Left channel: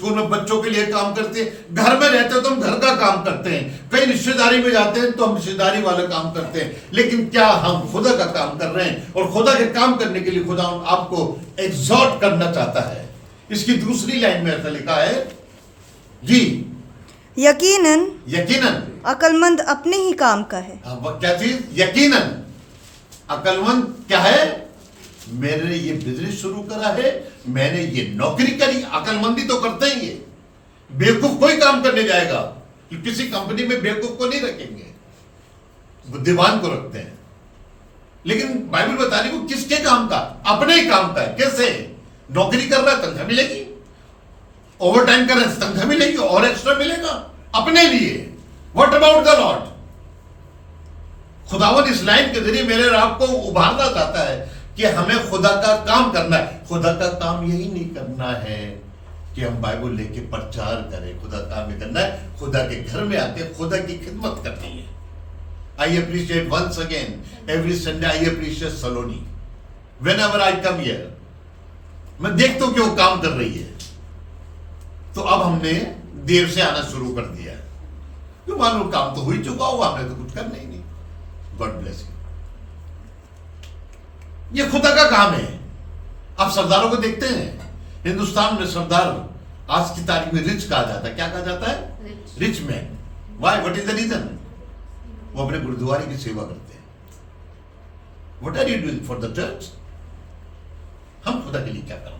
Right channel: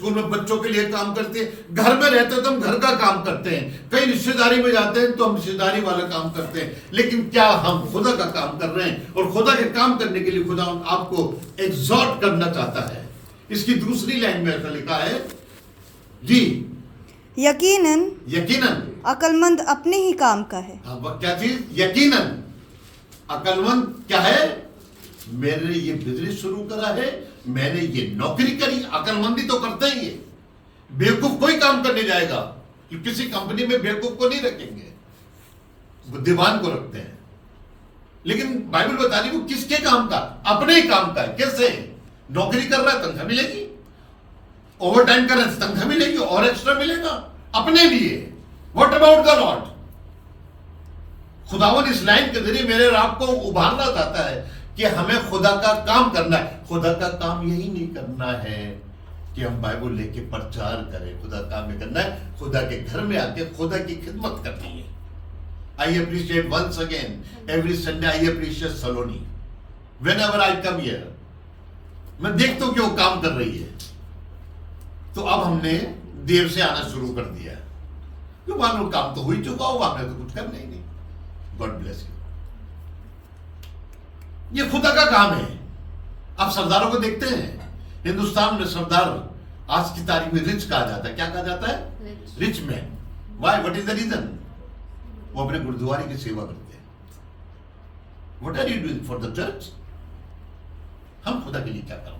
School में बच्चों के लिए काम करते हैं, घर में रहते हो तो हम घर का काम करते हैं, कहीं रिश्तेदारी में जाते हैं तो हम रिश्तेदारी वाला काम करते हैं, लेकिन क्या हम खुदा का काम कर रहे हैं? और खुदा के काम करने के लिए खुदा आपको एग्जॉर्ट करना चाहता है। इसकी दूसरी लाइन में ऐसा लिखा है जी, यकीनन यकीनन अक्लमंद अपने ही काम का है। वह क्या चीज? यकीनन अक्लमंद क्या है? मैंने ये बिजनेस शुरू करा है, मैंने ये नौकरी करी। अक्लमंदी तो करते ही है, बेवकूफ कोई काम करने जाएगा, किसी कंपनी में बेवकूफ को नहीं रखेंगे, बुद्धिमान को रखते हैं। लेकिन बाइबल बता रही वो किसके काम का? अपने ही काम का है। कैसे? नौकरी कर रहा है तनख्वाह मिलेगी, ओवर टाइम कर रहे हैं तनख्वाह मिलेगी, और एक्स्ट्रा मिलेगा अपने लिए। What about the Lord? खुदावन इस लाइन के जरिए मेरे और आपको उभारना चाहता है कि हमें खुदा का काम करना है। खुदा का काम यही नहीं करना है कि हम बाइबल लेके प्रचार करें, खुदा काम ही करना है, खुदा के घर में आके खुदा की खिदमत करनी है। I appreciate once again every Sunday, I appreciate Saloni whenever I come here. मैं देखता हूं कि वो काम कर रही है, तो अब हमने देर से आना शुरू कर दिया है, क्यों? मानो काम तो हो ही चुका होगा, हमने तो कुछ करना ही नहीं। God bless you. ये खुदा का काम है। आप सरदारों को देखते हैं, हिंदुस्तान में सरदार आज की तारीख में रिच कहा जाता है। क्या कहा जाता है? Rich man. Why? What is the reason? वो अपने गुरुद्वारे की सेवा करते हैं। What are you doing for the church? हम खुदा के लिए क्या कर रहे हैं?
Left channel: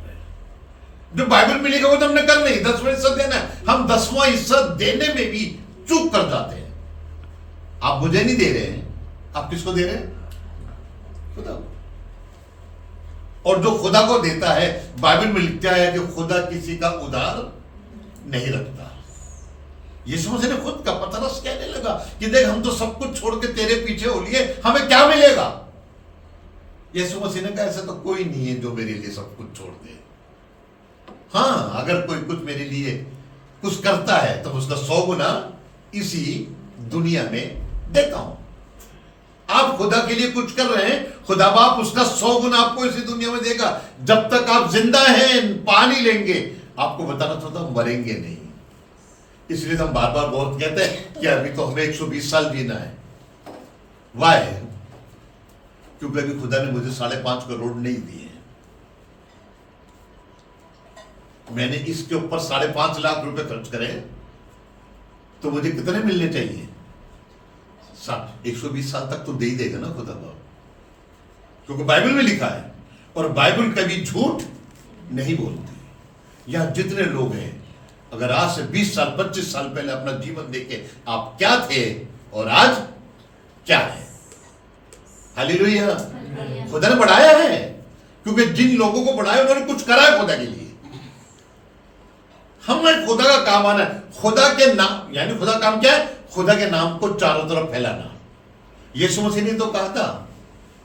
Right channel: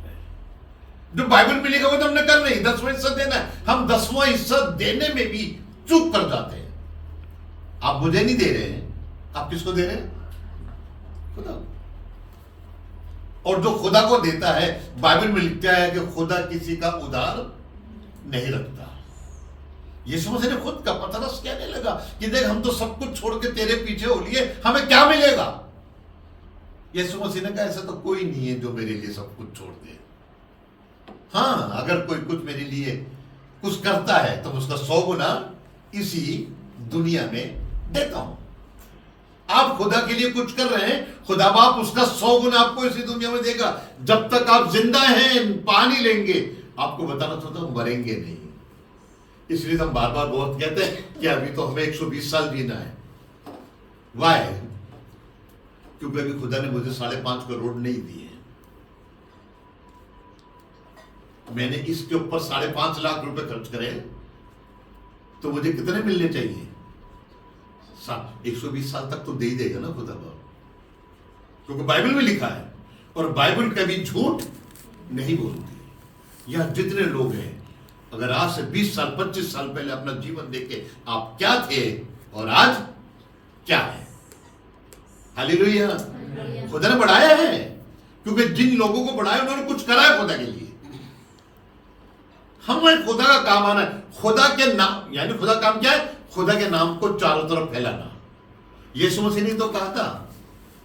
जो बाइबल में लिखा हुआ तो हमने कर नहीं, 10वां हिस्सा देना है। हम 10वां हिस्सा देने में भी चूक कर जाते हैं। आप मुझे नहीं दे रहे हैं, आप किसको दे रहे हैं? खुदा। और जो खुदा को देता है, बाइबल में लिखता है कि खुदा किसी का उधार नहीं रखता। यीशु मसीह ने खुद का पतरस कहने लगा कि देख, हम तो सब कुछ छोड़ के तेरे पीछे हो लिए, हमें क्या मिलेगा? यीशु मसीह ने कहा ऐसा तो कोई नहीं है जो मेरे लिए सब कुछ छोड़ दे। हाँ, अगर कोई कुछ मेरे लिए कुछ करता है तो उसका 100 गुना इसी दुनिया में देता हूं। आप खुदा के लिए कुछ कर रहे हैं, खुदा बाप उसका 100 गुना आपको इसी दुनिया में देगा। जब तक आप जिंदा हैं, पानी लेंगे। आपको बताना चाहता हूं, मरेंगे नहीं। इसलिए हम बार बार बहुत कहते हैं कि अभी तो हमें 120 साल जीना है। वाई? क्योंकि अभी खुदा ने मुझे 5.5 करोड़ नहीं दिए। मैंने इसके ऊपर 5.5 लाख रुपए खर्च करे, तो मुझे कितने मिलने चाहिए? 120 साल तक तो दे ही देगा ना खुदा बाप, क्योंकि बाइबल में लिखा है, और बाइबल कभी झूठ नहीं बोलती। यहां जितने लोग हैं, अगर आज से 20 साल 25 साल पहले अपना जीवन देखे आप क्या थे और आज क्या है। हालेलुया। खुदा ने बढ़ाया है, क्योंकि जिन लोगों को बढ़ाया उन्होंने कुछ करा है खुदा के लिए। हमें खुदा का काम आना है। खुदा के नाम, यानी खुदा काम क्या है? खुदा के नाम को चारों तरफ फैलाना। यीशु मसीह ने तो कहा था,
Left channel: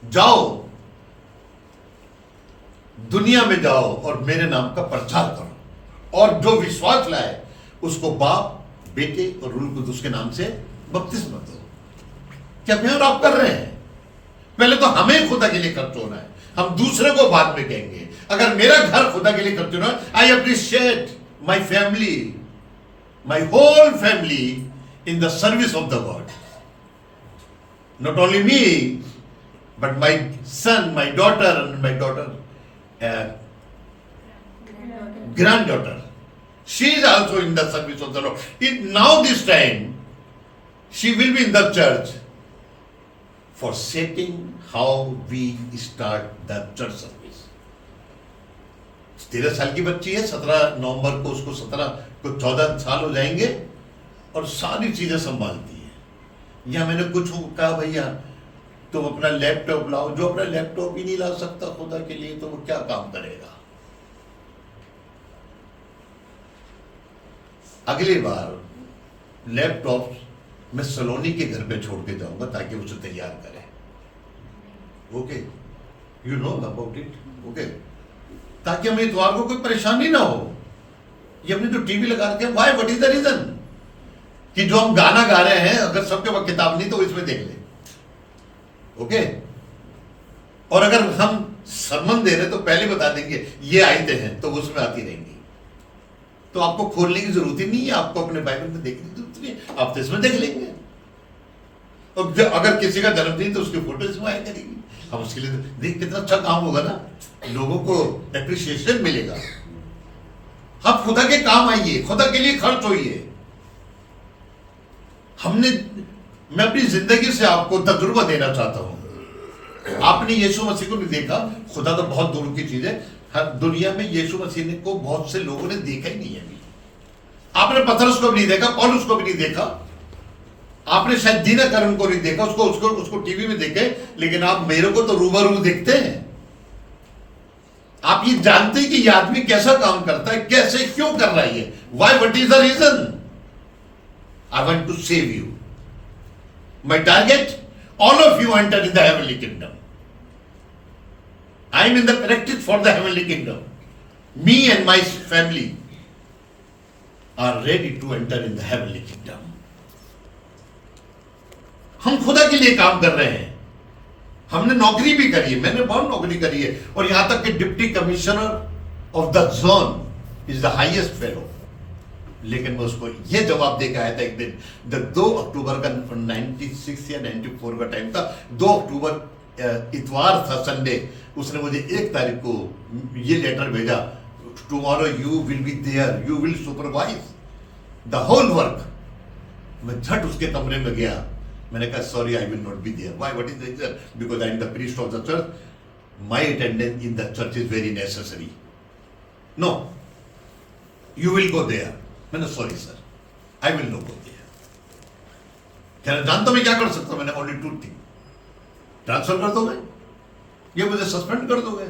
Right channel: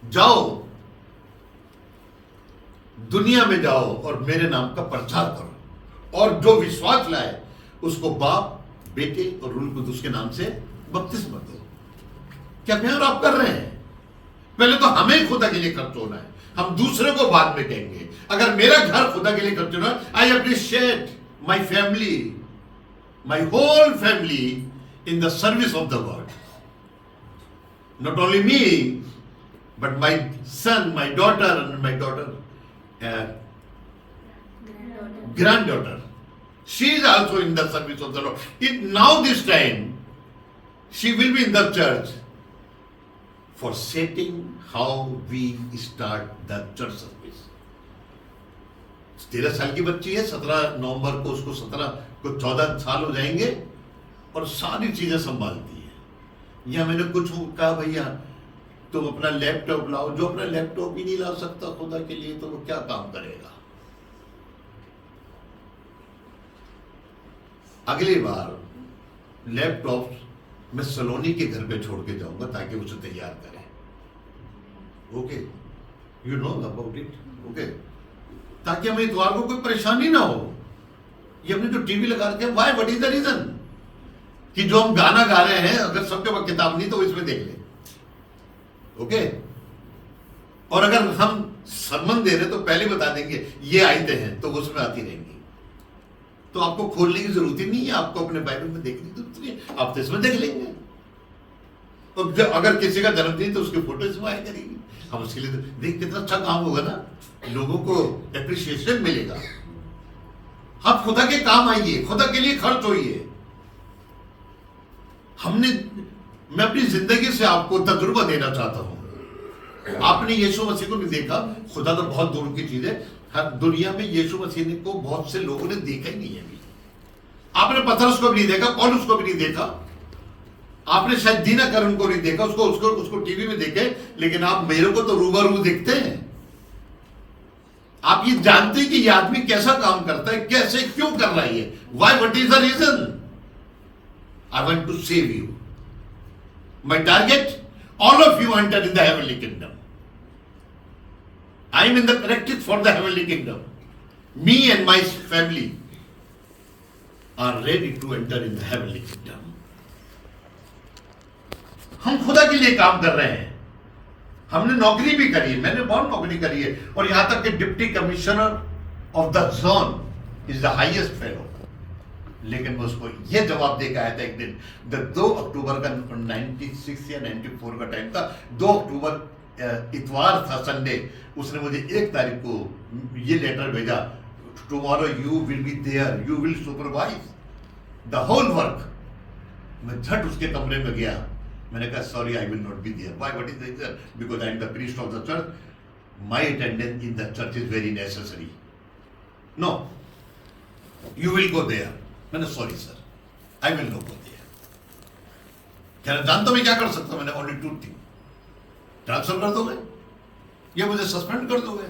जाओ दुनिया में जाओ और मेरे नाम का प्रचार करो, और जो विश्वास लाए उसको बाप, बेटे और रूह कुदूस के नाम से बपतिस्मा दो। क्या मैं और आप कर रहे हैं? पहले तो हमें खुदा के लिए खर्च होना है, हम दूसरे को बाद में कहेंगे। अगर मेरा घर खुदा के लिए खर्च होना है, I appreciate my family, my whole family in the service of the God. Not only me, but my son, my daughter, and my granddaughter. She is also in the service of the Lord. Now this time, she will be in the church for shaping how we start the church service. 13 साल की बच्ची है, 17 नवंबर को उसको 14 साल हो जाएंगे, और सारी चीजें संभालती है। या मैंने कुछ कहा, भैया तुम अपना लैपटॉप लाओ। जो अपना लैपटॉप ही नहीं ला सकता खुदा के लिए, तो वो क्या काम करेगा? अगली बार लैपटॉप मैं सलोनी के घर पे छोड़ के जाऊंगा ताकि उसे तैयार करे। Okay, you know about it. Okay, ताकि हमें इतवार को कोई परेशानी ना हो। ये हमने जो टीवी लगा रखे, why? What is the reason? कि जो हम गाना गा रहे हैं, अगर सबके पास किताब नहीं तो इसमें देख ले। ओके, और अगर हम सरमन दे रहे तो पहले बता देंगे ये आयतें हैं, तो उसमें आती रहेंगी। तो आपको खोलने की जरूरत ही नहीं है, आपको अपने बाइबल में देखने की जरूरत नहीं है, आप तो इसमें देख लेंगे। और अगर किसी का जन्मदिन तो उसकी फोटो इसमें आया करेगी, हम उसके लिए देख कितना अच्छा काम होगा ना, लोगों को एप्रिसिएशन मिलेगा। आप खुदा के काम आइए, खुदा के लिए खर्च होइए। मैं अपनी जिंदगी से आपको तजुर्बा देना चाहता हूं। आपने यीशु मसीह को नहीं देखा, खुदा तो बहुत दूर की चीज है। हर दुनिया में यीशु मसीह को बहुत से लोगों ने देखा ही नहीं है अभी। आपने पतरस को भी नहीं देखा, पौलुस को भी नहीं देखा, आपने शायद दीना करण को नहीं देखा, उसको टीवी में देखे, लेकिन आप मेरे को तो रूबरू देखते हैं। आप ये जानते हैं कि ये आदमी कैसा काम करता है, कैसे, क्यों कर रहा है, why, what is the reason. I want to save you. My target, all of you enter in the heavenly kingdom. I am in the practice for the heavenly kingdom. Me and my family are ready to enter in the heavenly kingdom. हम खुदा के लिए काम कर रहे हैं। हमने नौकरी भी करी है, मैंने बहुत नौकरी करी है, और यहां तक कि deputy commissioner of the zone is the highest fellow. लेकिन मैं उसको यह जवाब देकर आया था एक दिन, 2 अक्टूबर का 96 या 94 का टाइम था, 2 अक्टूबर इतवार था, संडे। उसने मुझे 1 तारीख को ये लेटर भेजा, tomorrow you will be there, you will supervise the whole work. मैं झट उसके कमरे में गया, मैंने कहा sorry I will not be there. Why, what is the reason? Because I am the priest of the church, my attendance in the church is very necessary. No, you will go there. मैंने sorry sir, I will not go there. क्या जानता मैं क्या कर सकता हूं? मैंने only 2 thing, transfer कर दोगे या मुझे सस्पेंड कर दोगे,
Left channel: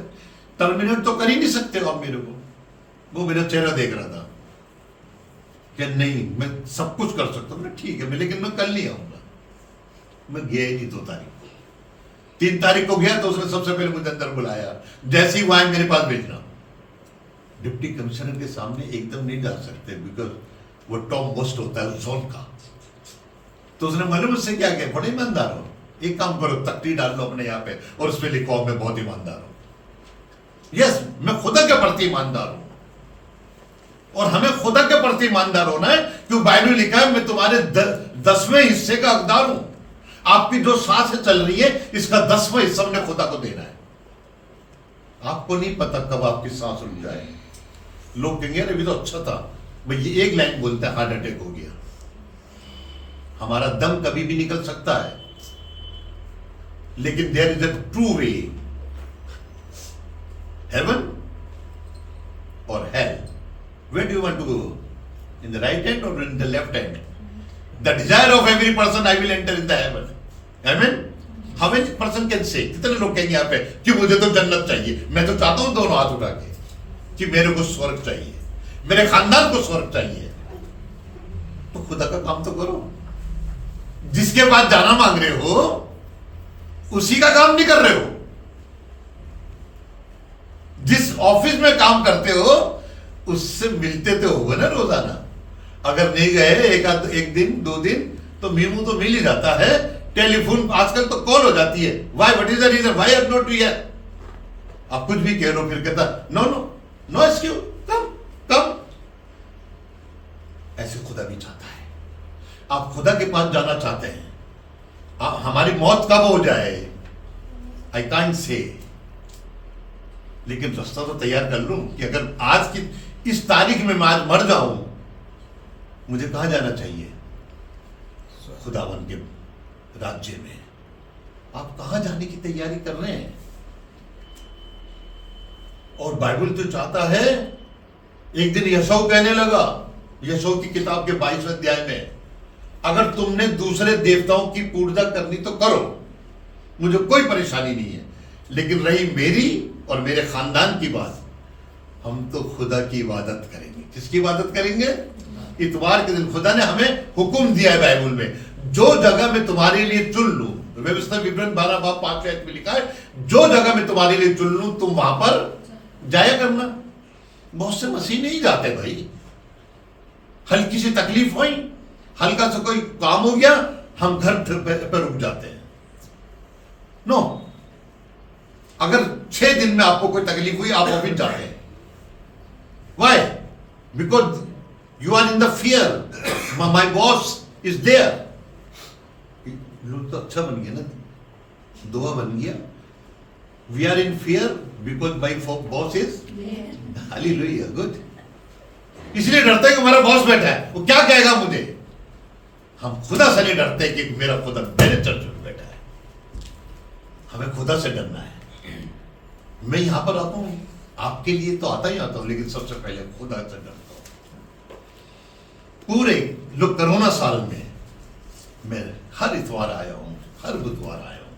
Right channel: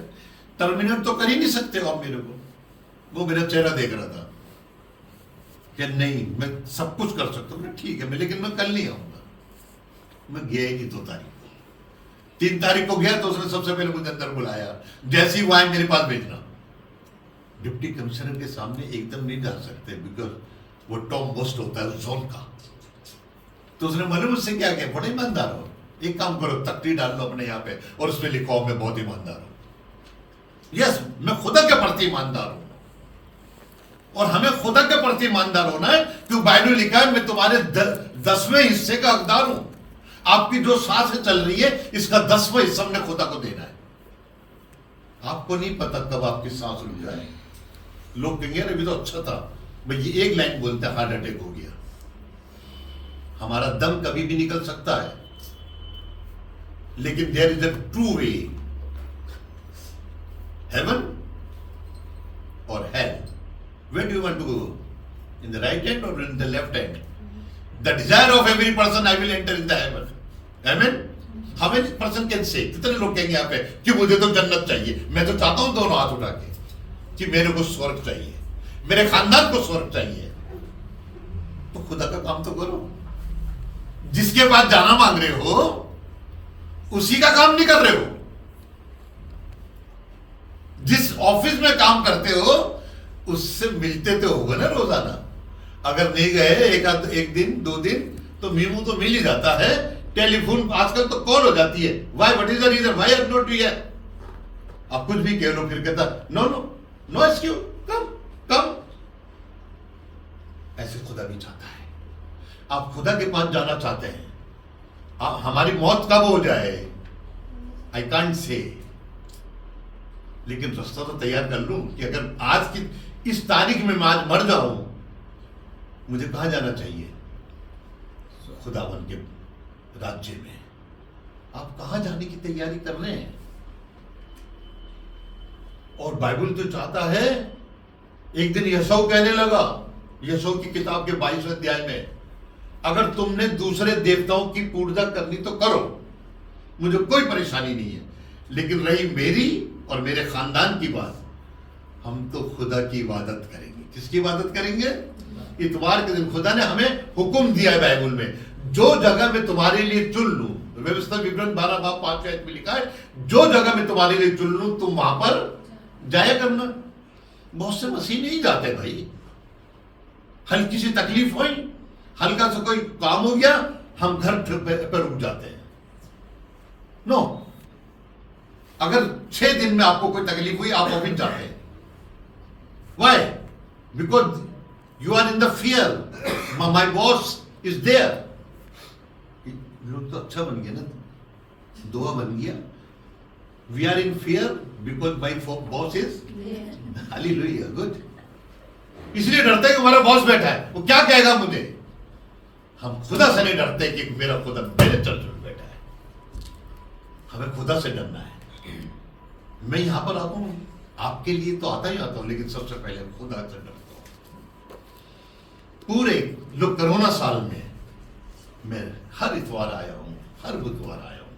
टर्मिनेट तो कर ही नहीं सकते हो आप मेरे को। वो मेरा चेहरा देख रहा था कि नहीं मैं सब कुछ कर सकता हूं। ठीक है, मैं लेकिन मैं कल नहीं आऊंगा। मैं गया ही नहीं 2 तारीख को। 3 तारीख को गया तो उसने सबसे पहले मुझे अंदर बुलाया, जैसे ही वो आए मेरे पास भेजना। डिप्टी कमिश्नर के सामने एकदम नहीं जा सकते, बिकॉज वो टॉप मोस्ट होता है उस जोन का। तो उसने मालूम मुझसे क्या किया, बड़े ईमानदार हो, एक काम करो, तख्ती डाल लो अपने यहाँ पे और उस पर लिखो मैं बहुत ईमानदार हूं। यस, मैं खुदा के प्रति ईमानदार हूं, और हमें खुदा के प्रति ईमानदार होना है, क्योंकि बाइबल में लिखा है मैं तुम्हारे 10वें हिस्से का हकदार हूं। आपकी जो सांसें चल रही है, इसका 10वां हिस्सा हमने खुदा को देना है। आपको नहीं पता कब आपकी सांस रुक जाए। लोग कहेंगे अभी तो अच्छा था भाई, ये एक लाइन बोलते हैं हार्ट अटैक हो गया। हमारा दम कभी भी निकल सकता है, लेकिन there is a true way, heaven और hell. Where do you want to go? In the right hand और in the left hand? The desire of every person I will enter in the heaven. आमीन। How many person can say? कितने लोग कहेंगे यहाँ पे कि मुझे तो जन्नत चाहिए। मैं तो चाहता हूं दोनों हाथ उठा के कि मेरे को स्वर्ग चाहिए, मेरे खानदान को स्वर्ग चाहिए। तो खुदा का काम तो करो। जिसके पास जाना मांग रहे हो उसी का काम नहीं कर रहे हो। जिस ऑफिस में काम करते हो उससे मिलते तो होगा ना रोजाना। अगर नहीं गए एक दिन 2 दिन तो मीमू तो मिल ही जाता है। टेलीफोन आजकल तो कॉल हो जाती है। Why, what is the reason, why have not here? आप कुछ भी कह लो, फिर कहता no no no excuse, come come. ऐसे खुदा भी चाहता है। आप खुदा के पास जाना चाहते हैं। हमारी मौत कब हो जाए आई कांट से, लेकिन रास्ता तो तैयार कर लूं कि अगर आज की इस तारीख में मैं आज मर जाऊं, मुझे कहां जाना चाहिए? खुदावन के राज्य में। आप कहां जाने की तैयारी कर रहे हैं? और बाइबल तो चाहता है, एक दिन यशोह कहने लगा, यशोह की किताब के 22वें अध्याय में, अगर तुमने दूसरे देवताओं की पूजा करनी तो करो, मुझे कोई परेशानी नहीं है, लेकिन रही मेरी और मेरे खानदान की बात, हम तो खुदा की इबादत करेंगे। किसकी इबादत करेंगे? इतवार के दिन खुदा ने हमें हुक्म दिया है बाइबल में, जो जगह मैं तुम्हारे लिए चुन लूं, व्यवस्था विवरण 12 बाब 5 आयत में लिखा है, जो जगह मैं तुम्हारे लिए चुन लूं तुम वहां पर जाया करना। बहुत से मसीह नहीं जाते भाई। हल्की सी तकलीफ हुई, हल्का सा कोई काम हो गया, हम घर पर रुक जाते हैं। नो, अगर 6 दिन में आपको कोई तकलीफ हुई, आप ऑफिस जाते हैं। Why? Because You are in the fear. My boss is there. लोग तो अच्छा बन गया ना, दुआ बन गया. We are in fear because my boss is. Hallelujah, good. इसलिए डरते हैं कि हमारा बॉस बैठा है, वो क्या कहेगा मुझे. हम खुदा से नहीं डरते कि मेरा खुदा मेरे चर्च में बैठा है. हमें खुदा से डरना है. मैं यहां पर आता हूं आपके लिए तो आता ही आता हूं, लेकिन सबसे पहले खुदा से डरता हूं. पूरे लोग कोरोना साल में मैं हर इतवार आया हूं, हर बुधवार आया हूं.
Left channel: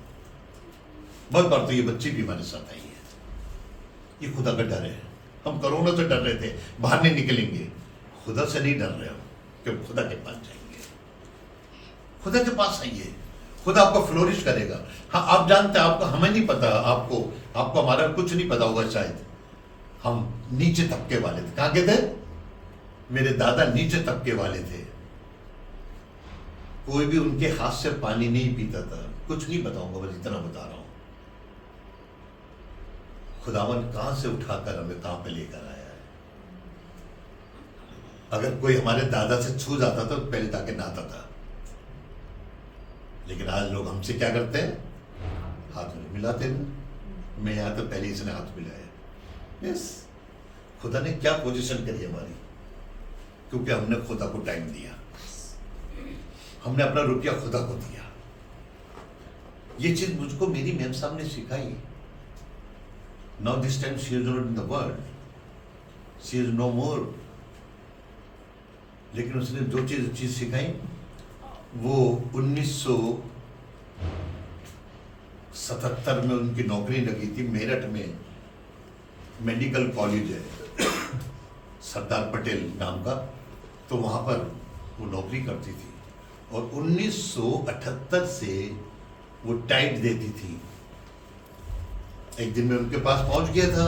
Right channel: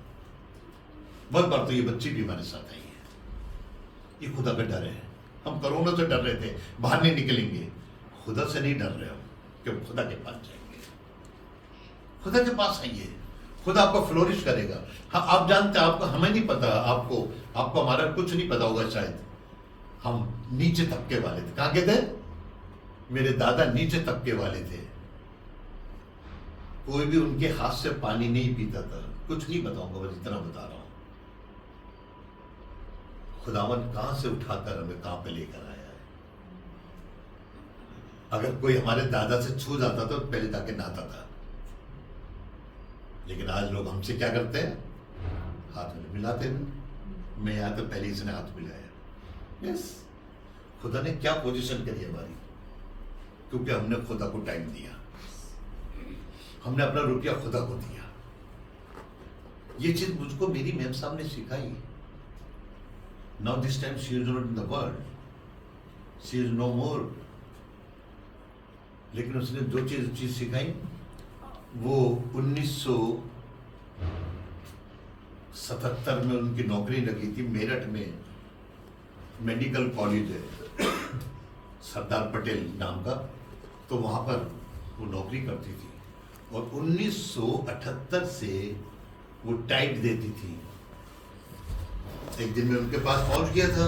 बहुत बार तो ये बच्ची भी हमारे साथ आई है. ये खुदा का डर है. हम कोरोना से डर रहे थे, बाहर नहीं निकलेंगे. खुदा से नहीं डर रहे हो, क्योंकि खुदा के पास जाएंगे. खुदा के पास आइए, खुदा आपको फ्लोरिश करेगा. हाँ, आप जानते हैं, आपको हमें नहीं पता, आपको हमारा कुछ नहीं पता होगा शायद. हम नीचे तबके वाले थे. कहां के थे? मेरे दादा नीचे तबके वाले थे. कोई भी उनके हाथ से पानी नहीं पीता था. कुछ नहीं बताऊंगा, बस इतना बता रहा हूं. खुदावन कहां से उठाकर हमें कहां पे लेकर आया है. अगर कोई हमारे दादा से छू जाता तो पहले जाके नहाता था. लेकिन आज लोग हमसे क्या करते हैं? हाथ मिलाते हैं. मैं यहां तो पहले इसने हाथ मिलाया. यस, खुदा ने क्या पोजीशन करी हमारी, क्योंकि हमने खुदा को टाइम दिया. हमने अपना रुपया खुदा को दिया. ये चीज मुझको मेरी मैम साहब ने सिखाई. Now this time she is not in the world. She is no more. लेकिन उसने जो चीज सिखाई वो 1977 में उनकी नौकरी लगी थी मेरठ में. मेडिकल कॉलेज है सरदार पटेल नाम का, तो वहां पर वो नौकरी करती थी. और 1978 से वो टाइट देती थी. एक दिन मैं उनके पास पहुंच गया था,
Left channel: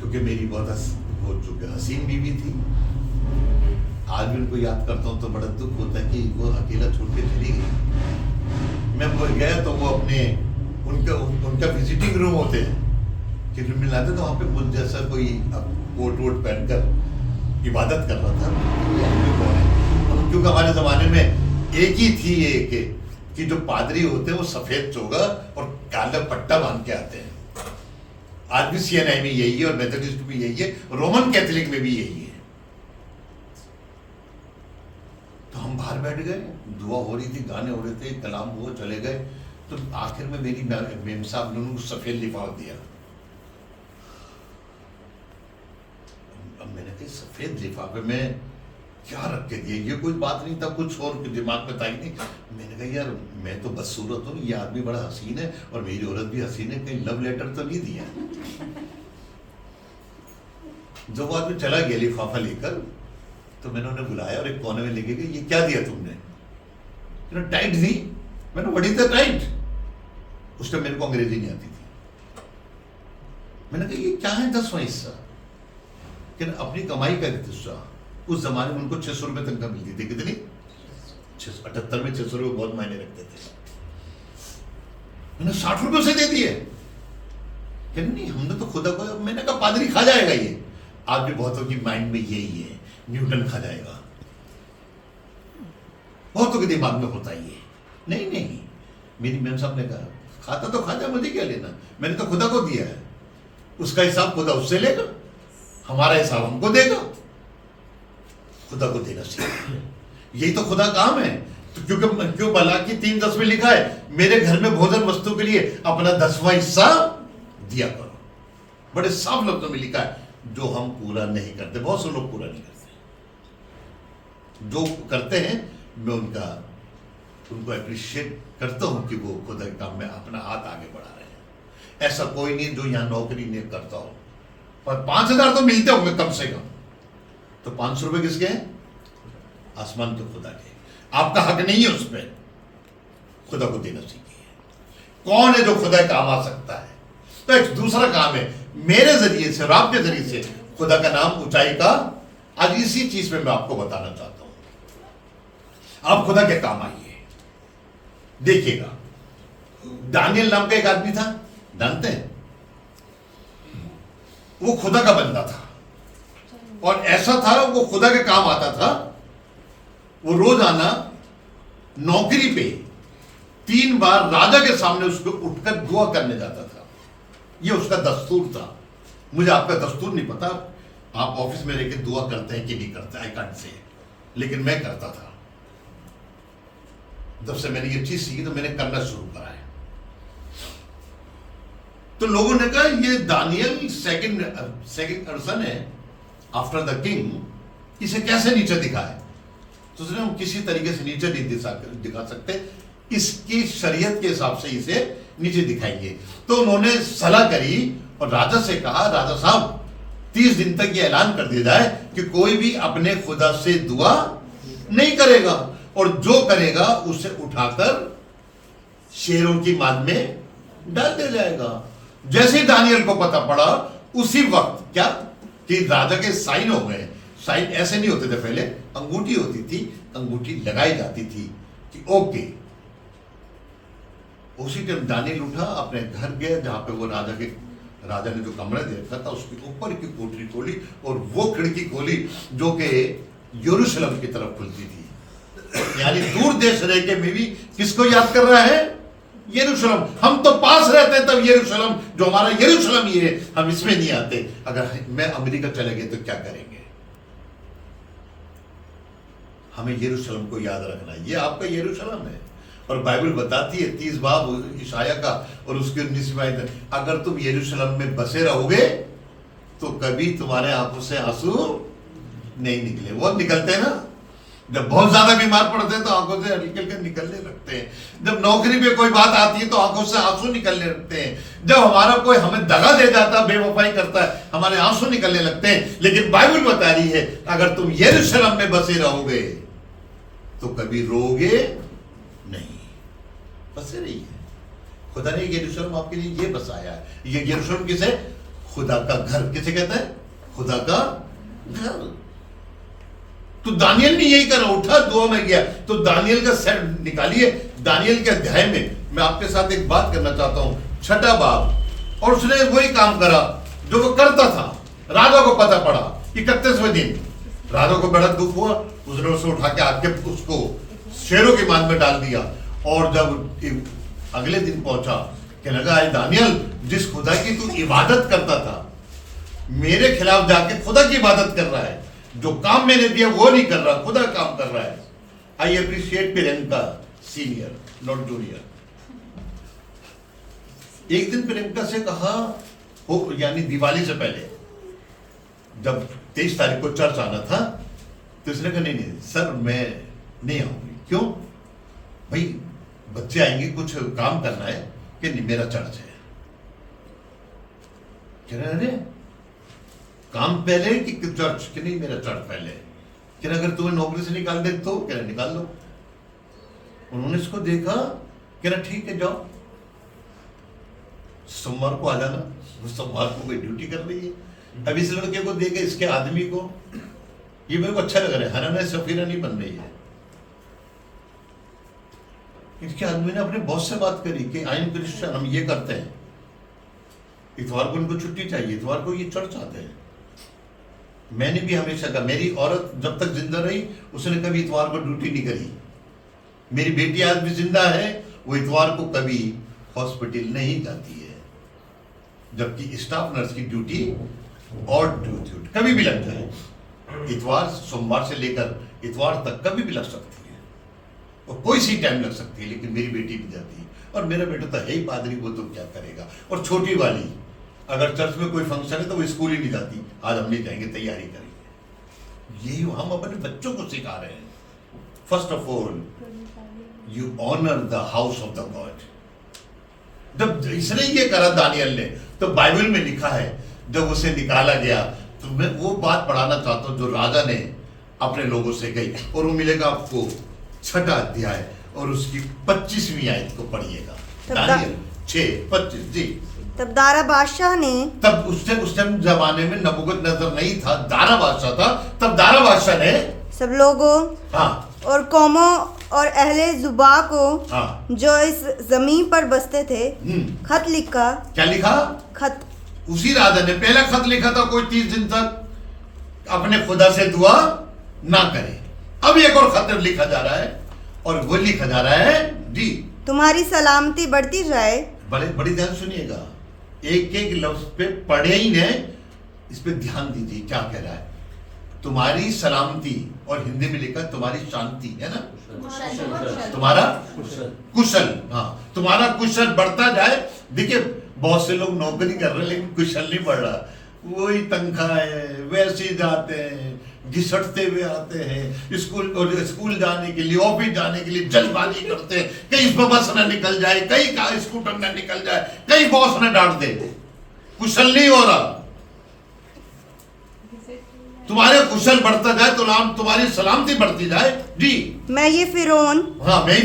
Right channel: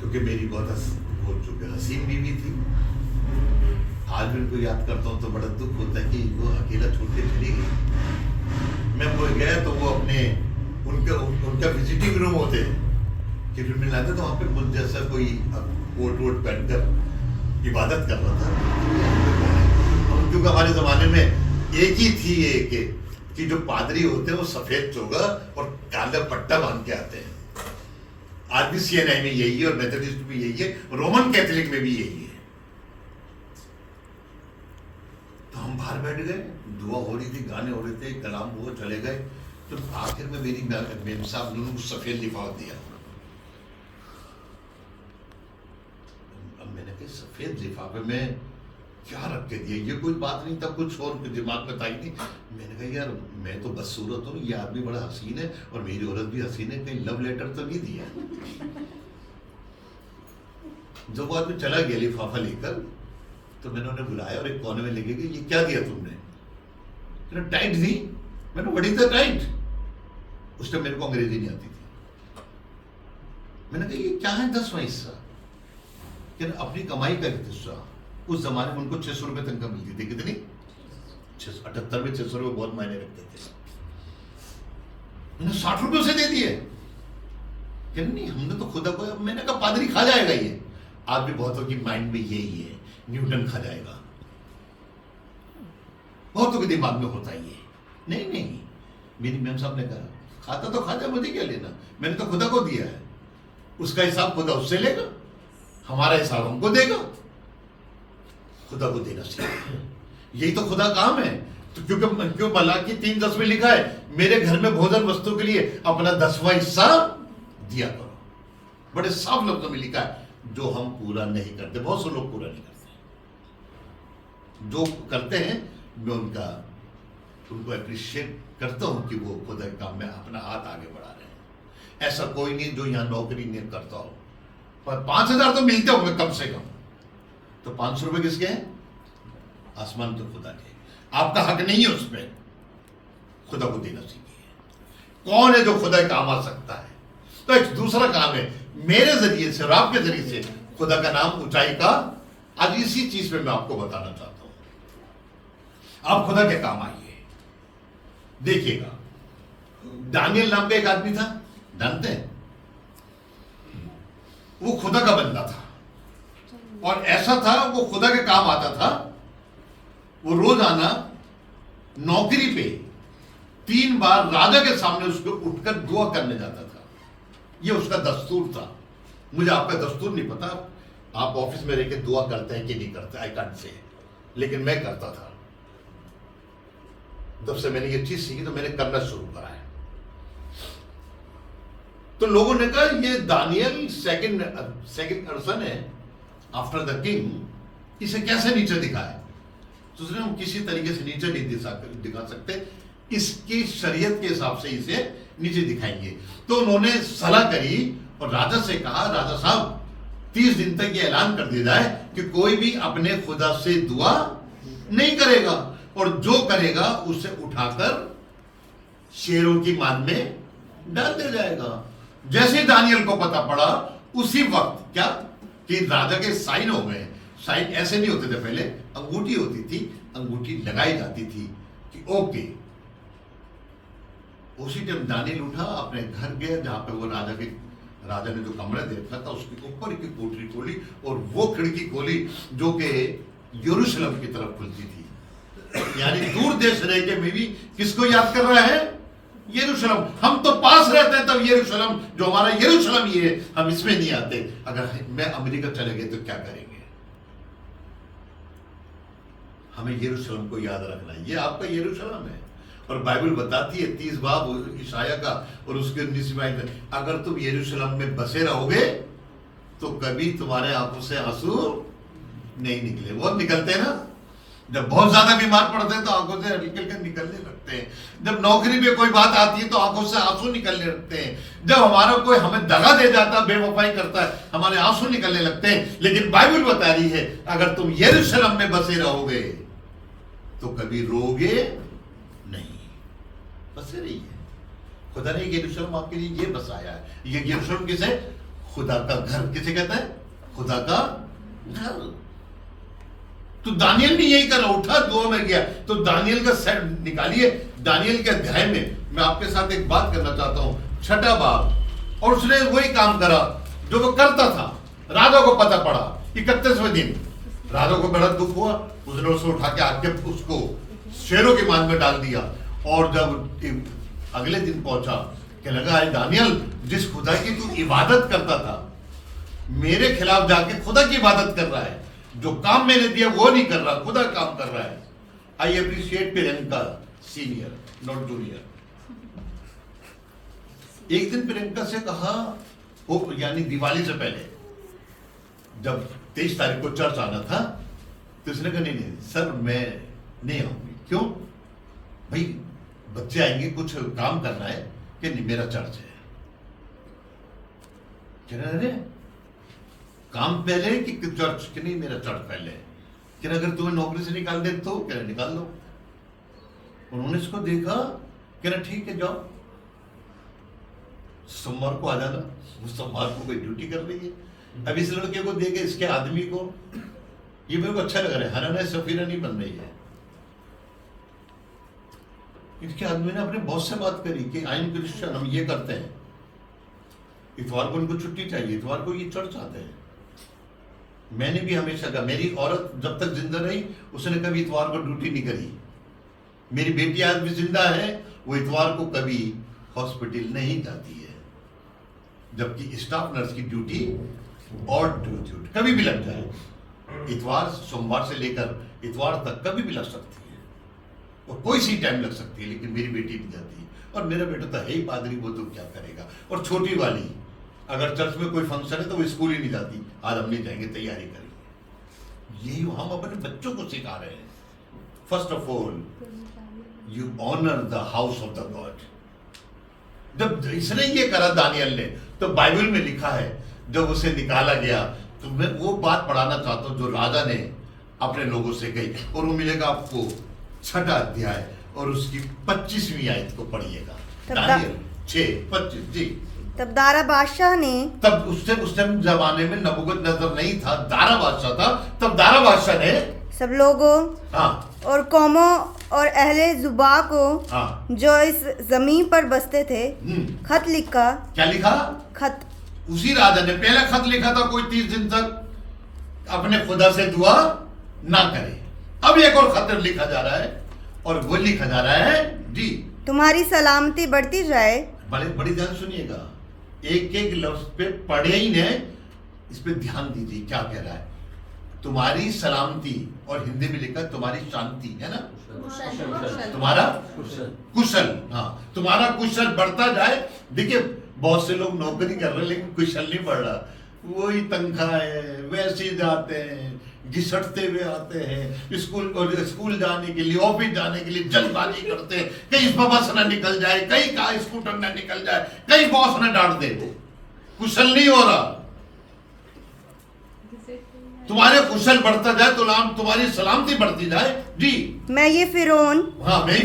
क्योंकि मेरी बहुत हसीन बीवी थी. आज भी उनको याद करता हूं तो बड़ा दुख होता है कि वो अकेला छोड़ के चली गई. मैं वो गया तो वो अपने उनका विजिटिंग रूम होते हैं कि रूम में लाते, तो वहां पे मुझ जैसा कोई कोट वोट पहनकर इबादत कर रहा था. क्योंकि हमारे जमाने में एक ही थी कि जो पादरी होते हैं वो सफेद चोगा और काला पट्टा बांध के आते हैं. आज भी सीएनआई में यही है और मेथोडिस्ट भी यही है, रोमन कैथोलिक में भी यही है. तो हम बाहर बैठ गए, दुआ हो रही थी, गाने हो रहे थे, कलाम हुआ, चले गए. तो आखिर में मेरी मेम साहब ने उनको सफेद लिफाफ दिया. अब मैंने कहा सफेद लिफाफे में क्या रख के दिया? ये कोई बात नहीं था, कुछ और दिमाग में था ही नहीं. मैंने कहा यार मैं तो बदसूरत हूँ, ये आदमी बड़ा हसीन है और मेरी औरत भी हसीन है, कहीं लव लेटर तो नहीं दिया. जब वो आदमी चला गया लिफाफा लेकर, तो मैंने उन्हें बुलाया और एक कोने में लेके गया. ये क्या दिया तुमने? टाइट दी. मैंने व्हाट इज द टाइट? उस टाइम मेरे को अंग्रेजी नहीं आती थी. मैंने कहा ये क्या है? 10वां हिस्सा. अपनी कमाई का हिस्सा. उस जमाने में उनको 600 रुपए तनख्वाह मिलती थी. कितनी? 78 में 600 रुपए बहुत मायने रखते थे. मैंने 60 रुपए उसे दे दिए. नहीं, हमने तो खुदा को. मैंने कहा पादरी खा जाएगा ये. आज भी बहुतों की माइंड में यही है, न्यूटन खा जाएगा. बहुतों के दिमाग में होता ही है. नहीं, मेरी मैम साहब ने कहा खाता तो खा जा, मुझे क्या लेना, मैंने तो खुदा को दिया है. उसका हिसाब खुदा उससे लेगा, हमारा हिसाब हमको देगा. खुदा को देना चाहिए. यही तो खुदा काम है. तो क्यों मलाकी 3:10 में लिखा है मेरे घर में भोजन वस्तु के लिए अपना 10वां हिस्सा दिया करो. बड़े साफ लफ्जों में लिखा है, जो हम पूरा नहीं करते. बहुत से लोग पूरा नहीं करते. जो करते हैं मैं उनको अप्रिशिएट करता हूं कि वो खुदा के काम में अपना हाथ आगे बढ़ा रहे हैं. ऐसा कोई नहीं जो यहां नौकरी नहीं करता हो, पर 5,000 तो मिलते होंगे कम से कम. तो 500 रुपए किसके हैं? आसमान के खुदा के. आपका हक नहीं है उस पर. खुदा को देना सीखिए. कौन है जो खुदा के काम आ सकता है? तो एक दूसरा काम है मेरे जरिए से और आपके जरिए से खुदा का नाम ऊंचाई का. आज इसी चीज में मैं आपको बताना चाहता हूं. आप खुदा के काम आइए. देखिएगा, दानियल नाम का एक आदमी था, जानते हैं? वो खुदा का बंदा था. और ऐसा था, वो खुदा के काम आता था। वो रोज आना नौकरी पे 3 बार राजा के सामने उसको उठकर दुआ करने जाता था। ये उसका दस्तूर था। मुझे आपका दस्तूर नहीं पता, आप ऑफिस में रह के दुआ करते हैं कि नहीं करते, आई कांट से, लेकिन मैं करता था। जब से मैंने ये चीज सीखी तो मैंने करना शुरू करा है। तो लोगों ने कहा ये दानियल सेकंड पर्सन है आफ्टर द किंग, इसे कैसे नीचे दिखाए? तो उसने हम किसी तरीके से नीचे नहीं दिखा सकते, इसकी शरीयत के हिसाब से इसे नीचे दिखाएंगे। तो उन्होंने सलाह करी और राजा से कहा, राजा साहब 30 दिन तक ये ऐलान कर दिया जाए कि कोई भी अपने खुदा से दुआ नहीं करेगा, और जो करेगा उसे उठाकर शेरों की मान में डाल दिया जाएगा। जैसे ही दानियल को पता पड़ा, उसी वक्त क्या कि राजा के साइन हो गए। साइन ऐसे नहीं होते थे पहले, अंगूठी होती थी, अंगूठी लगाई जाती थी कि ओके। उसी टाइम दानियल उठा, अपने घर गया जहां पे वो राजा ने जो कमरा दे रखा था उसके ऊपर की कोठरी खोली, और वो खिड़की खोली जो कि यरूशलेम की तरफ खुलती थी। यानी दूर देश रह के में भी किसको याद कर रहा है? यरूशलेम। हम तो पास रहते हैं, तब यरूशलेम जो हमारा यरूशलेम ये है, हम इसमें नहीं आते। अगर मैं अमेरिका चले गए तो क्या करेंगे? हमें यरूशलेम को याद रखना है, ये आपका यरूशलेम है। और बाइबल बताती है 30 बाब ईशाया का और उसके 19 आयत, अगर तुम यरूशलेम में बसे रहोगे तो कभी तुम्हारे आंखों से आंसू नहीं निकले। वो निकलते हैं ना, जब बहुत ज्यादा बीमार पड़ते हैं तो आंखों से हल्के हल्के निकलने लगते हैं। जब नौकरी पे कोई बात आती है तो आंखों से आंसू निकलने लगते हैं। जब हमारा कोई हमें दगा दे जाता है, बेवफाई करता है, हमारे आंसू निकलने लगते हैं। लेकिन बाइबल बता रही है अगर तुम यरूशलेम में बसे रहोगे तो कभी रोगे नहीं। बसे रही है। खुदा ने यरूशलेम आपके लिए ये बसाया है। ये यरूशलेम किसे? खुदा का घर। किसे कहते हैं? खुदा का घर। तो दानियल ने यही करा, उठा दुआ में गया। तो दानियल का सर निकालिए, दानियल के अध्याय में मैं आपके साथ एक बात करना चाहता हूं, 6 बाब। और उसने वही काम करा जो वो करता था। राजा को पता पड़ा, 31वें दिन राजा को बड़ा दुख हुआ, उसने उसे उठा के आके उसको शेरों की मान में डाल दिया। और जब अगले दिन पहुंचा, कहने लगा दानियल, जिस खुदा की तू इबादत करता था, मेरे खिलाफ जाके खुदा की इबादत कर रहा है। जो काम मैंने दिया वो नहीं कर रहा, खुदा काम कर रहा है। I appreciate Priyanka senior, not junior. एक दिन प्रियंका से कहा, हो यानी दिवाली से पहले, जब 23 तारीख को चर्च आना था, तो उसने कहा नहीं सर मैं नहीं आऊंगी। क्यों भाई? बच्चे आएंगे, कुछ काम करना है। कि नहीं, मेरा चर्च है। कह रहे काम पहले कि चर्च? कि नहीं, मेरा चर्च पहले। कि अगर तुम्हें नौकरी से निकाल दे तो? कह रहे निकाल लो। उन्होंने इसको देखा, कह रहा ठीक है जाओ, सोमवार को आ जाना। वो सोमवार को कोई ड्यूटी कर रही है। अब इस लड़के को देखे, इसके आदमी को, ये मेरे को अच्छा लग रहा है, हराना सफीरा नहीं बन रही है। इसके आदमी ने अपने बॉस से बात करी कि आई एम क्रिश्चियन, हम ये करते हैं, इतवार को उनको छुट्टी चाहिए, इतवार को ये चर्च आते हैं। मैंने भी हमेशा कहा, मेरी औरत जब तक जिंदा रही उसने कभी इतवार को ड्यूटी नहीं करी। मेरी बेटी आज भी जिंदा है, वो इतवार को कभी हॉस्पिटल नहीं जाती है। जबकि स्टाफ नर्स की ड्यूटी और ड्यूटी कभी भी लग जाए, इतवार सोमवार से लेकर इतवार तक कभी भी लग सकती है, और कोई सी टाइम लग सकती है। लेकिन मेरी बेटी भी जाती है, और मेरा बेटा तो है ही पादरी, वो तो क्या करेगा। और छोटी वाली अगर चर्च में कोई फंक्शन है तो वो स्कूल ही नहीं जाती, आज हम नहीं जाएंगे, तैयारी करेंगे। यही हम अपने बच्चों को सिखा रहे हैं। First of all you honour the house of the god. जब इसने ये करा दानियल ने, तो बाइबल में लिखा है जब उसे निकाला गया, तो मैं वो बात पढ़ाना चाहता हूं जो राजा ने अपने लोगों से कही, और वो मिलेगा आपको 6 अध्याय और उसकी 25वीं आयत को पढ़िएगा। दानियल 6:25। जी। तब दारा बादशाह ने, तब उस टाइम जमाने में नबूकदनेस्सर नहीं था, दारा बादशाह था। तब दारा बादशाह ने सब लोगों हाँ और कौमों और अहले जुबा को हाँ जो इस जमीन पर बसते थे खत लिखा। क्या लिखा? खत। उसी राजा ने पहला खत लिखा था, कोई 30 दिन तक अपने खुदा से दुआ ना करे। अब एक और खत लिखा जा रहा है और वो लिखा जा रहा है जी, तुम्हारी सलामती बढ़ती जाए। बड़े बड़ी ध्यान सुनिएगा, एक एक लफ्ज पे पढ़े ही ने, इस पे ध्यान दीजिए क्या कह रहा है। तुम्हारी सलामती, और हिंदी में लिखा तुम्हारी शांति, है ना, तुम्हारा कुशल, हाँ, तुम्हारा कुशल बढ़ता जाए। देखिए बहुत से लोग नौकरी कर रहे हैं लेकिन कुशल नहीं बढ़ रहा, वही तनख्वाह है, वैसे ही जाते हैं, घिसटते हुए आते हैं स्कूल जाने के लिए, ऑफिस जाने के लिए जल्दबाजी करते हैं, कहीं बस ना निकल जाए, कहीं का स्कूटर ना निकल जाए, कहीं बॉस ना डांट दे, कुशल नहीं हो रहा। तुम्हारे कुशल बढ़ता जाए तो तुम्हारी सलामती बढ़ती जाए जी। मैं ये फिरौन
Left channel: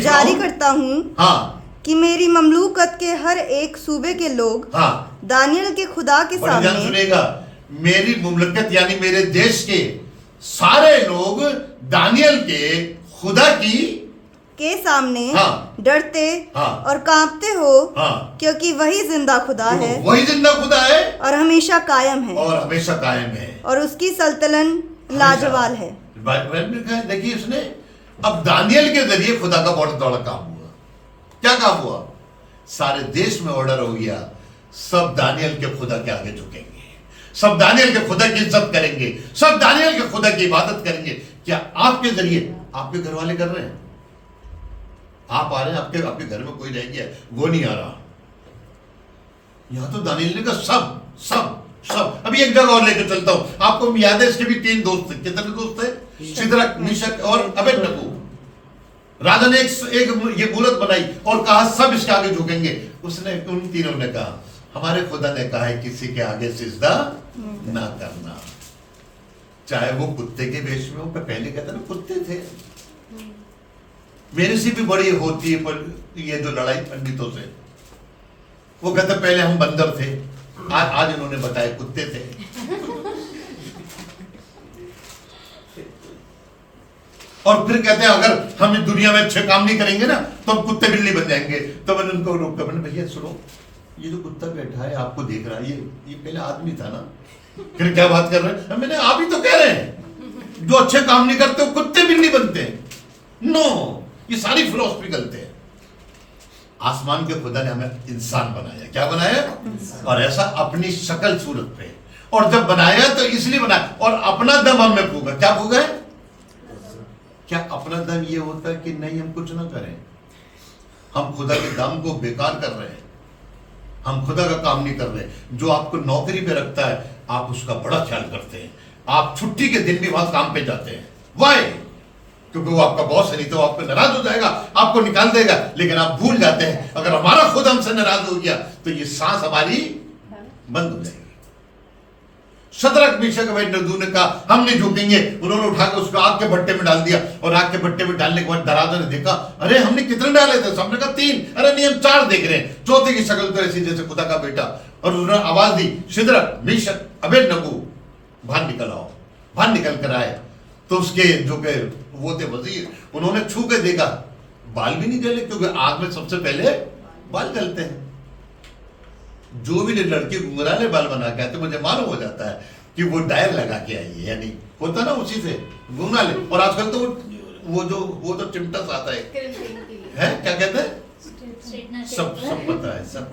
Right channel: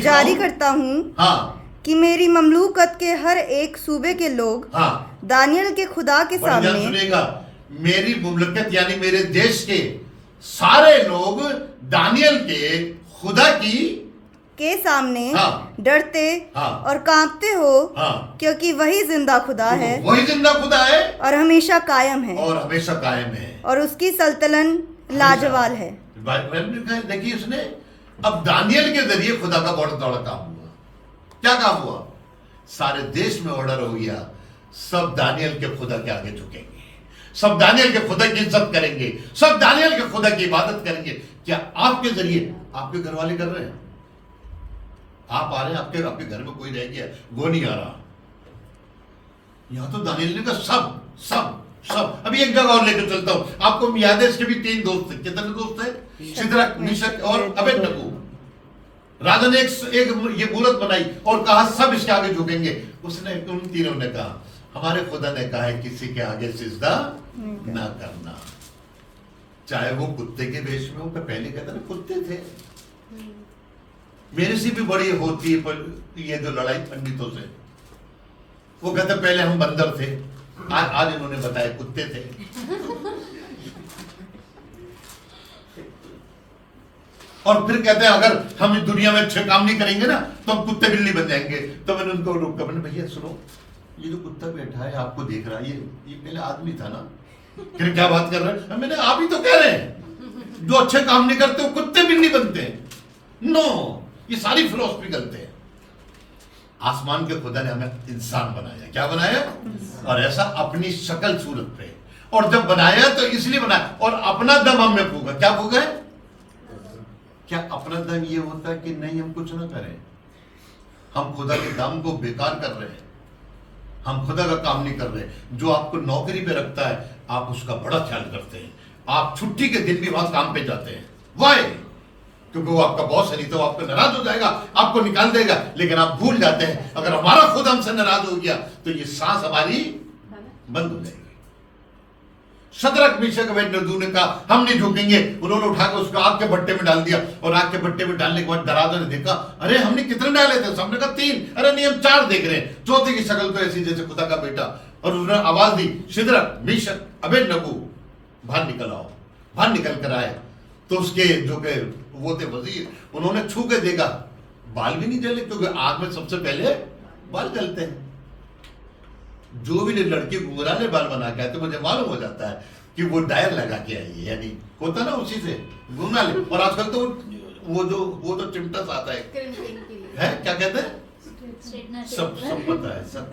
जारी करता हूँ कि मेरी ममलूकत के हर एक सूबे के लोग दानियल के खुदा के सामने, सुनेगा, मेरी मुमलकत यानी मेरे देश के सारे लोग दानियल के खुदा के सामने डरते और कांपते हो, क्योंकि वही जिंदा खुदा है, वही जिंदा खुदा है और हमेशा कायम है, और उसकी सल्तनत लाजवाल है। देखिए इसने अब दानियल के जरिए खुदा का बहुत बड़ा काम हुआ। क्या काम हुआ? सारे देश में ऑर्डर हो गया, सब दानियल के खुदा के आगे झुकेंगे, सब दानियल के खुदा की इज्जत करेंगे, सब दानियल के खुदा की इबादत करेंगे। क्या आपके जरिए आपके घर वाले कर रहे हैं? आप आ रहे हैं, आपके घर में कोई रह गया, वो नहीं आ रहा। यहां तो दानियल ने कहा सब। अभी एक जगह और लेकर चलता हूं आपको। याद है इसके भी 3 दोस्त थे। कितने दोस्त थे? सिदरक, मिशक और अबेदनगो। राजा ने एक ये मूरत बनाई और कहा सब इसके आगे झुकेंगे। उसने उन तीनों ने कहा हमारे खुदा ने कहा है किसी के आगे सिजदा ना करना, चाहे वो कुत्ते के वेश में हो। पहले कहते ना कुत्ते थे, मेरे से भी बड़ी होती है पर ये जो लड़ाई पंडितों से, वो कहते पहले हम बंदर थे, आज इन्होंने बताया कुत्ते थे। और फिर कहते हैं अगर हम इस दुनिया में अच्छे काम नहीं करेंगे ना तो हम कुत्ते बिल्ली बन जाएंगे। तो मैंने उनको रोका, मैंने भैया सुनो, ये जो कुत्ता बैठा है आपको देख रहा है, ये पहले आदमी था ना, फिर क्या बात कर रहे हैं? मैंने आप ही तो कह रहे हैं जो अच्छे काम नहीं करते वो कुत्ते बिल्ली बनते हैं। नो, ये सारी फिलॉसफी गलत है। आसमान के खुदा ने हमें इंसान बनाया, क्या बनाया? और ऐसा अपनी शक्ल सूरत पे, और जब बनाया तो इसलिए बनाया, और अपना दम हमने फूका। क्या फूका है? क्या अपना दम ये होता है कि नहीं हम कुछ ना करें? हम खुदा के दम को बेकार कर रहे हैं, हम खुदा का काम नहीं कर रहे। जो आपको नौकरी पे रखता है आप उसका बड़ा ख्याल करते हैं, आप छुट्टी के दिन भी वहां काम पे जाते हैं। वाई? क्योंकि वो आपका बॉस है, नहीं तो आपको नाराज हो जाएगा, आपको निकाल देगा। लेकिन आप भूल जाते हैं अगर हमारा खुद हमसे नाराज हो गया तो ये सांस हमारी बंद हो जाएगी। शद्रक, मिशक, अबेदनगो ने कहा हम नहीं झुकेंगे। उन्होंने उठाकर उसको आग के भट्टे में डाल दिया, और आग के भट्टे में डालने के बाद दराजा ने देखा, अरे हमने कितने डाले थे? सबने कहा 3। अरे नहीं, हम 4 देख रहे हैं। चौथे की शक्ल तो ऐसी जैसे खुदा का बेटा। और उन्होंने आवाज दी, शद्रक, मिशक, अबेदनगो बाहर निकल आओ। बाहर निकल कर आए तो उसके जो के वो थे वजीर, उन्होंने छू के देखा, बाल भी नहीं जले, क्योंकि आग में सबसे पहले बाल जलते हैं। जो भी लड़की घुंघराले बाल बना के आते, मुझे मालूम हो जाता है कि वो डायल लगा के आई है, यानी होता ना उसी से घुंघराले। और आजकल तो वो तो चिमटा आता है क्या कहते हैं, सब पता है, सब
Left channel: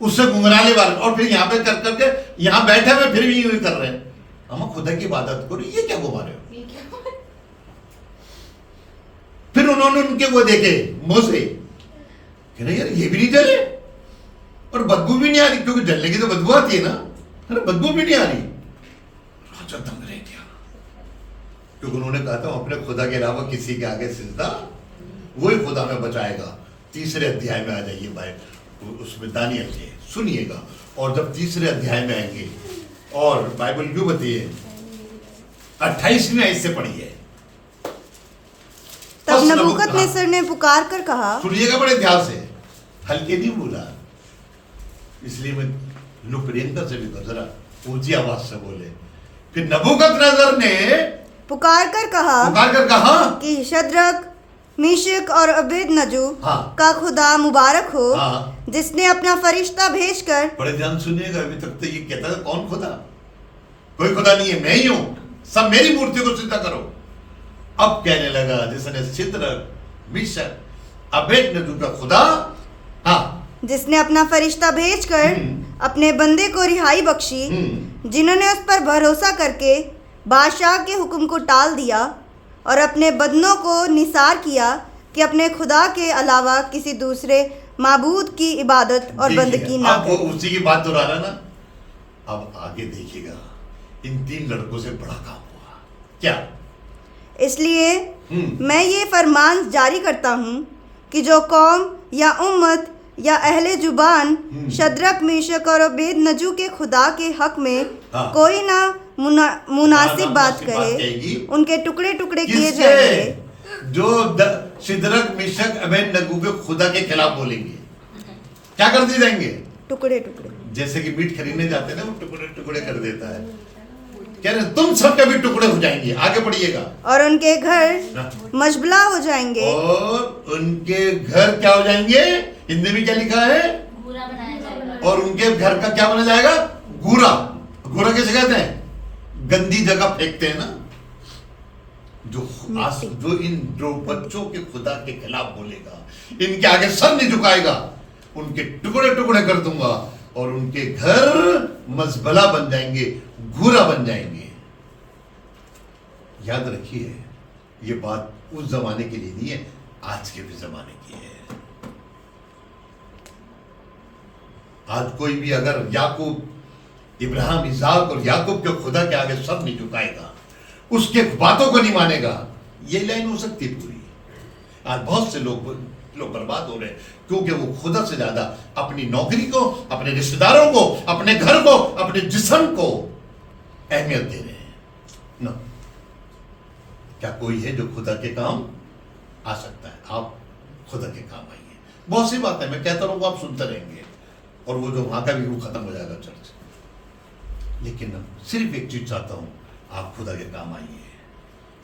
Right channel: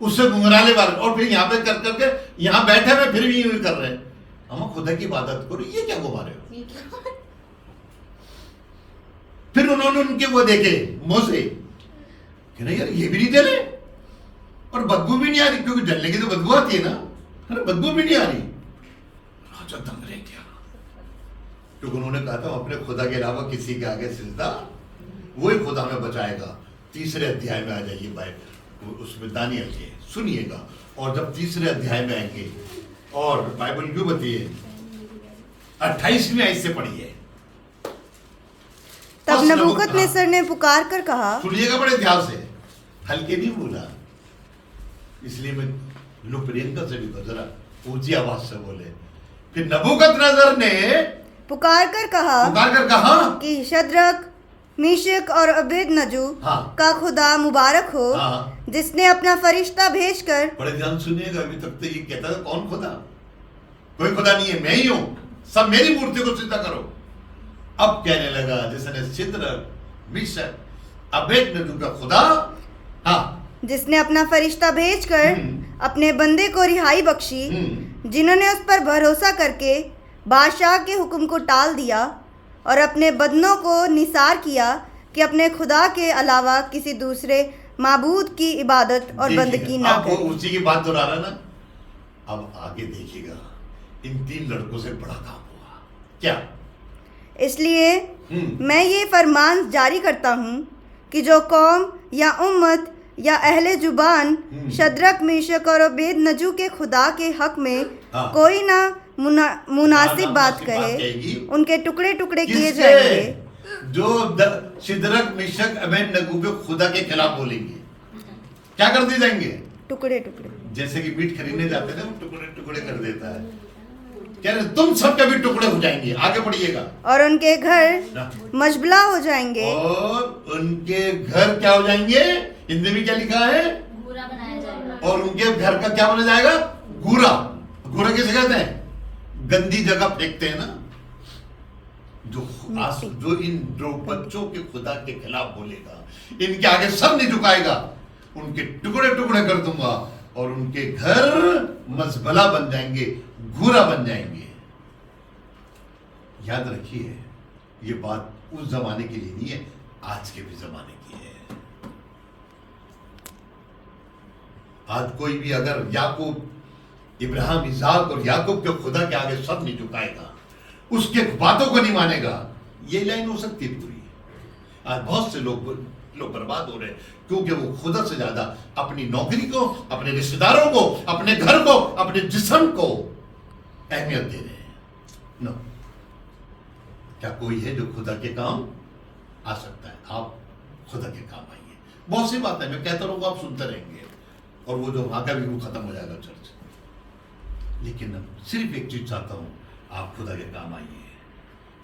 उससे घुंघराले बाल। और फिर यहाँ पे कर करके यहाँ बैठे हुए फिर भी यूं कर रहे हैं, हम खुदा की इबादत करो, ये क्या घुमा रहे हो? फिर उन्होंने उनके वो देखे मोसे, यार ये भी नहीं जले और बदबू भी नहीं आ रही, क्योंकि जलने की तो बदबू आती है ना, अरे बदबू भी नहीं आ रही। राजा दंग रह गया, क्योंकि उन्होंने कहा था अपने खुदा के अलावा किसी के आगे सिजदा, वही खुदा में बचाएगा। 3 अध्याय में आ जाइए बाइबल, उसमें दानियल के सुनिएगा। और जब 3 अध्याय में आएंगे, और बाइबल क्यों बताइए 28वें आयत से पढ़िए। तब नबूकदनेस्सर ने पुकार कर कहा, सुनिएगा बड़े ध्यान से, हल्के नहीं बोला, इसलिए मैं प्रियंका से भी गुजरा, ऊंची आवाज से बोले। फिर नबूकदनेस्सर ने पुकार कर कहा कि शद्रक, मिशक और अबेदनगो का खुदा मुबारक हो, जिसने अपना फरिश्ता भेजकर। बड़े ध्यान सुनिएगा, अभी तक तो ये कहता था कौन खुदा? कोई खुदा नहीं है, मैं ही हूं, सब मेरी मूर्ति को सिद्ध करो। अब कहने लगा जिसने सिद्रक मिशक अबेदनगो का खुदा, हाँ, जिसने अपना फरिश्ता भेजकर अपने बंदे को रिहाई बख्शी, जिन्होंने उस पर भरोसा करके बादशाह के हुक्म को टाल दिया और अपने बदनों को निसार किया कि अपने खुदा के अलावा किसी दूसरे माबूद की इबादत और बंदगी ना करें। करें। उसी की बात दोहरा रहा ना। अब आगे देखिएगा, इन 3 लड़कों से बड़ा काम हुआ क्या। इसलिए मैं ये फरमान जारी करता हूँ कि जो कौम या उम्मत या अहले जुबान शद्रक मेशक और अबेदनगो के खुदा के हक में कोई ना मुनासिब बात कहे, उनके टुकड़े टुकड़े किए जाएंगे। जो सिद्रक मिशक अबेदनगो के खुदा के खिलाफ बोलेंगे, क्या कर दिए जाएंगे? टुकड़े टुकड़े। जैसे कि मीट खरीदने जाते हैं ना, वो टुकड़े टुकड़े कर देता है। कह रहे तुम सब कभी टुकड़े हो जाएंगे। आगे पढ़िएगा। और उनके घर मजबला हो जाएंगे। और उनके घर क्या हो जाएंगे? हिंदी में क्या लिखा है? घूरा बनाया जाएगा। और उनके घर का क्या बना जाएगा? घूरा। घूरा किसे कहते हैं? गंदी जगह फेंकते हैं ना। जो इन 2 बच्चों के खुदा के खिलाफ बोलेगा, इनके आगे सर नहीं झुकाएगा, उनके टुकड़े टुकड़े कर दूंगा और उनके घर मजबला बन जाएंगे, घूरा बन जाएंगे। याद रखिए, ये बात उस जमाने के लिए नहीं है, आज के भी जमाने की है। आज कोई भी अगर याकूब, इब्राहिम, इसाक और याकूब के खुदा के आगे सब नहीं झुकाएगा, उसके बातों को नहीं मानेगा, ये लाइन हो सकती है पूरी। आज बहुत से लोग बर्बाद हो रहे हैं क्योंकि वो खुदा से ज्यादा अपनी नौकरी को, अपने रिश्तेदारों को, अपने घर को, अपने जिस्म को अहमियत दे रहे हैं। नो, क्या कोई है जो खुदा के काम आ सकता है? आप खुदा के काम आइए। बहुत सी बात है, मैं कहता रहूंगा, आप सुनते रहेंगे, और वो जो वहां का भी वो खत्म हो जाएगा चर्च। लेकिन सिर्फ एक चीज चाहता हूं, आप खुदा के काम आइए।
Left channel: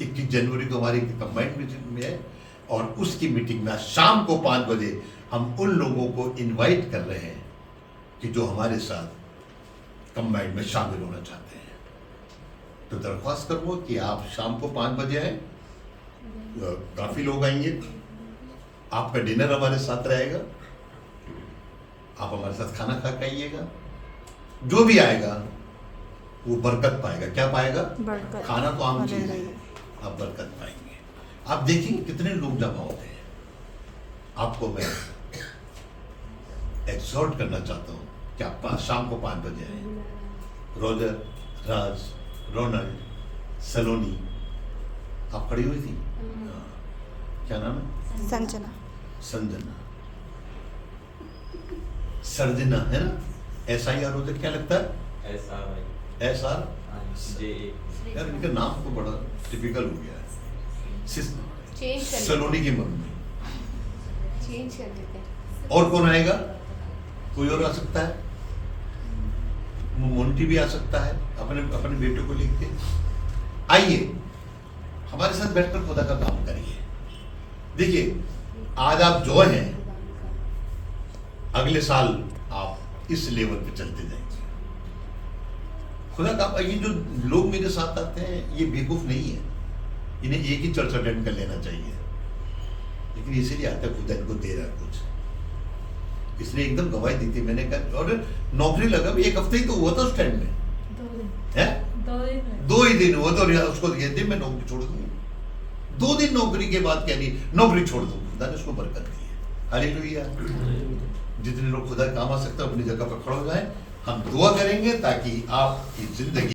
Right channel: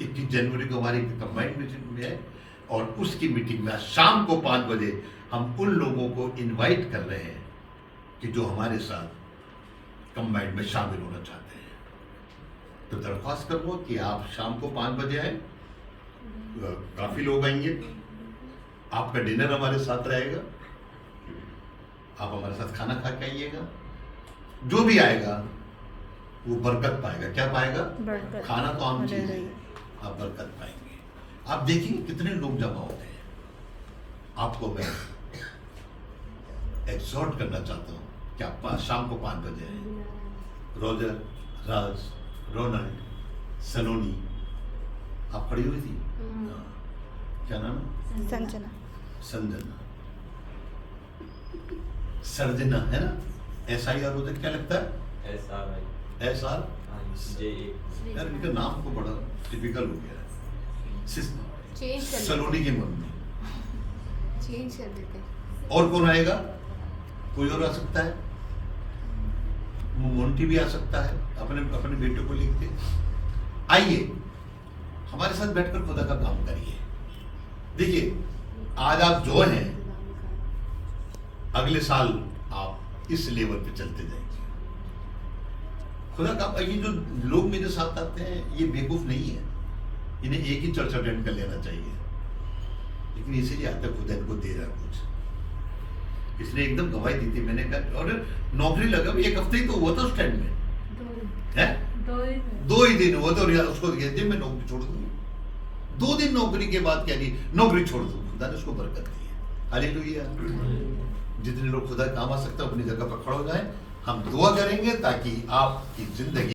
21 जनवरी को हमारी कंबाइंड मीटिंग में है, और उसकी मीटिंग में शाम को 5 बजे हम उन लोगों को इनवाइट कर रहे हैं कि जो हमारे साथ कंबाइंड में शामिल होना चाहते हैं। तो दरख्वास्त करूँ कि आप शाम को 5 बजे हैं, काफी लोग आएंगे, आपका डिनर हमारे साथ रहेगा, आप हमारे साथ खाना खा के आइएगा। जो भी आएगा वो बरकत पाएगा। क्या पाएगा? बरकत। खाना तो आम चीज है, आप बरकत पाएंगे। आप देखिए कितने लोग जमा हो गए। आपको मैं एक्सहॉर्ट करना चाहता हूँ कि आप शाम को 5 बजे आए। रोजर, राज, रोनाल्ड, सलोनी, आप खड़ी हुई थी, क्या नाम है? संजना, सर्जना है ना? SIR होता है, क्या लगता है? SR। यार इनका नाम तो बड़ा टिपिकल हो गया है। सलोनी की मम्मी चेंज कर देते हैं। और कौन आएगा? कोई और आ सकता है, मोंटी भी आ सकता है, अपने बेटे को लेके आइए, हमारे साथ बैठकर खुदा का काम करिए। देखिए, आज आप जो हैं, अगले साल आप इस लेवल पे चलते जाएंगे। खुदा का ये जो लोग मेरे साथ आते हैं, ये बेवकूफ नहीं है, इन्हें एक ही चर्च अटेंड कर लेना चाहिए, लेकिन इसीलिए आता है खुदा इनको दे रहा है कुछ। इसलिए एकदम गवाही दी थी मैंने कहा, और नौकरी लगा भी 1 हफ्ते ही तो हुआ था उस टाइम में, है 2 ही दिन हुआ था, और उसको ये दिन मैं नौकरी छोड़ दूंगी। 2 दिन नौकरी के बाद कह रही नौकरी छोड़ दूँ, खुदा ने उसको बरकत दी है। हालेलुया। जितने लोग खुदा काम आ सकते हैं अपनी जगह पर खड़े हो जाए। हम दुआ करेंगे ताकि आपकी जिंदगी